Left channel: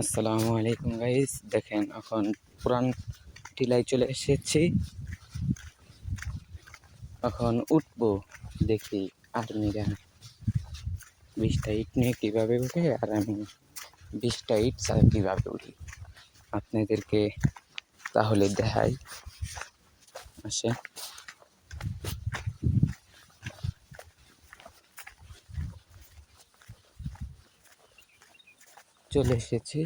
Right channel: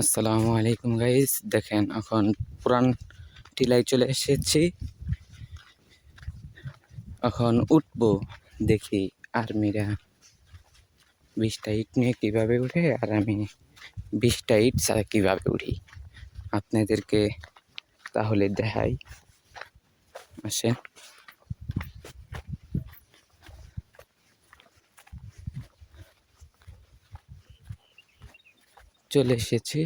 আসসালামু আলাইকুম গাইস, দেখেন এখন পুরান টিলায় চলে এসেছি। এখন উঠবো, দেখি আর্মিরা 20টা ইট নিয়ে কীভাবে উঠে আর আমি 20টা ইট ছাড়া কীভাবে উঠি আপনাদেরকে তাহলে দেখাই। আসেন, চলে এসেছি।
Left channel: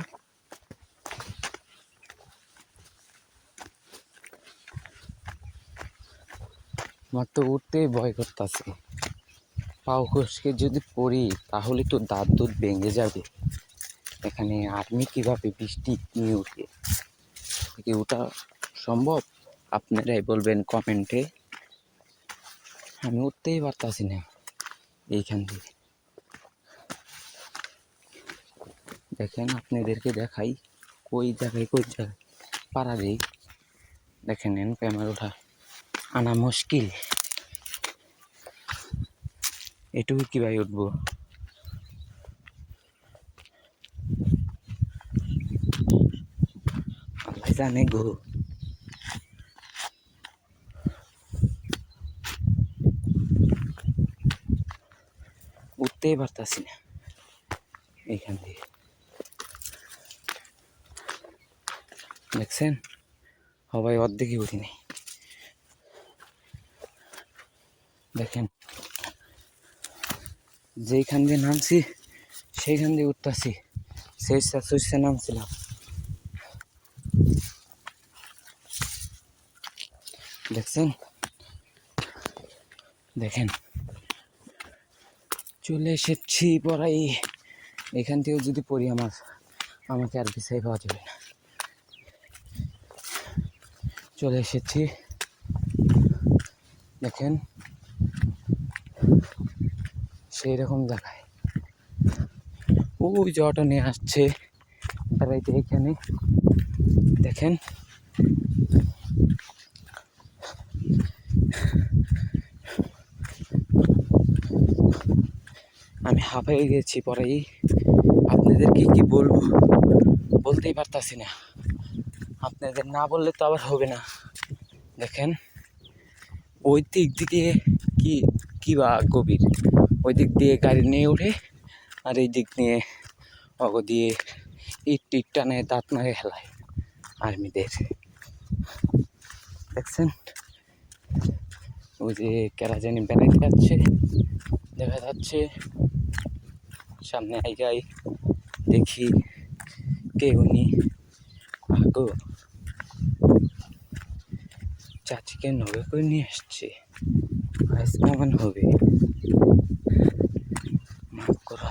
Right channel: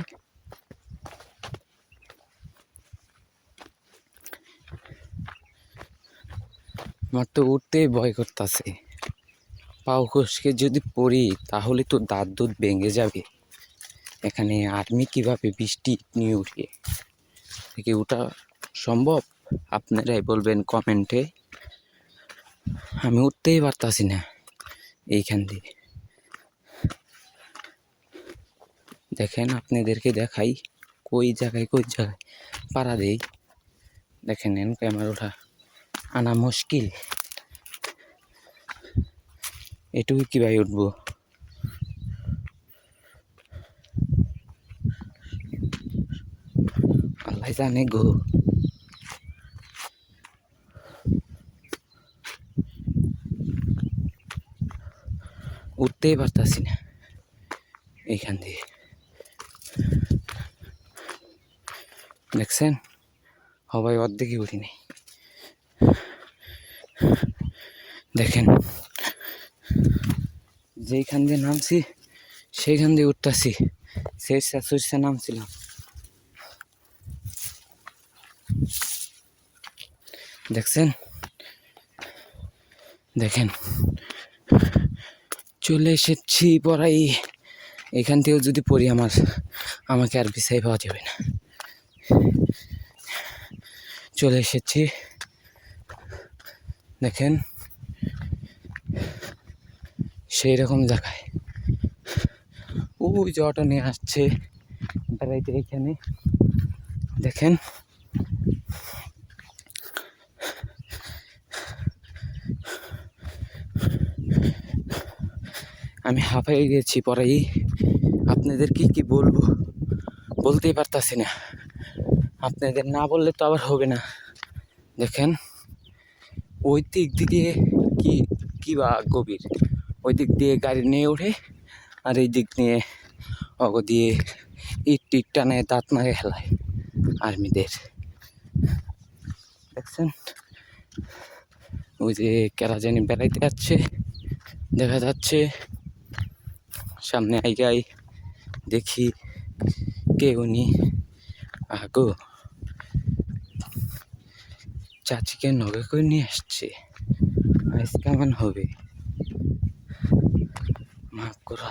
আমার তো উঠতেই ভয় করতেছে, পাও খসকে যদি পড়ি তাহলে তো দাঁত দুধ ভেঙে যাবে। এখানে আর্মি কীভাবে 20টি ইট নিয়ে উঠে, থেকে ওঠা সম্ভব? আপনারাই বলবেন কমেন্টে। আমি উঠতেই পারতাছি না এইখান দিয়ে। দেখেন আপনাদেরকে দেখাই কই জায়গায় পাড়া দেই। দেখেন ক্যামেরাটা আনা মুশকিল, এটুকু কীভাবে উঠবো? আল্লাহ জানে গো। উঠতেই পারতাছি না এইখান দিয়ে। দেখছেন সবাই অর্ধেকই উঠি নাই। দেখেন যেইখান দিয়ে নামছি সেইখান দিয়ে উঠতেছি। সেই নামছিলাম। দেখছেন, দেখেন চলে এসেছি পড়াই। এখান থেকেও যদি পড়ি আমাকে আর বিছাই পাওয়া যাবে না। চলে এসেছি, দেখেন সেই রকম জায়গায় ওই যে অটো নিয়ে আসছে বেড়াইতে এইখানে। দেখেন আমি হাঁপাই গেছি পরেই। আপনাদেরকে কি বলবো বলতেই পারতাছি না। আপনাদের না বললে তো আবার হবে না। দেখেন ওই দিক দিয়ে কি বা গভীর, ওই দিক দিয়ে গাড়ি নিয়ে ওঠে আর এই দিক নিয়ে অগ দিয়ে ইট টানে দাঁত মারে হেলায় আর্মিদের। দেখছেন ওই যে কেরা জানি বেড়াইতে যাচ্ছে দেখা যাচ্ছে। সামনে আইগাই দেখি কে উনি। আগো চাচিকে নগে করে নিয়ে আসছে, আজ কেমন হবে মাফ করো।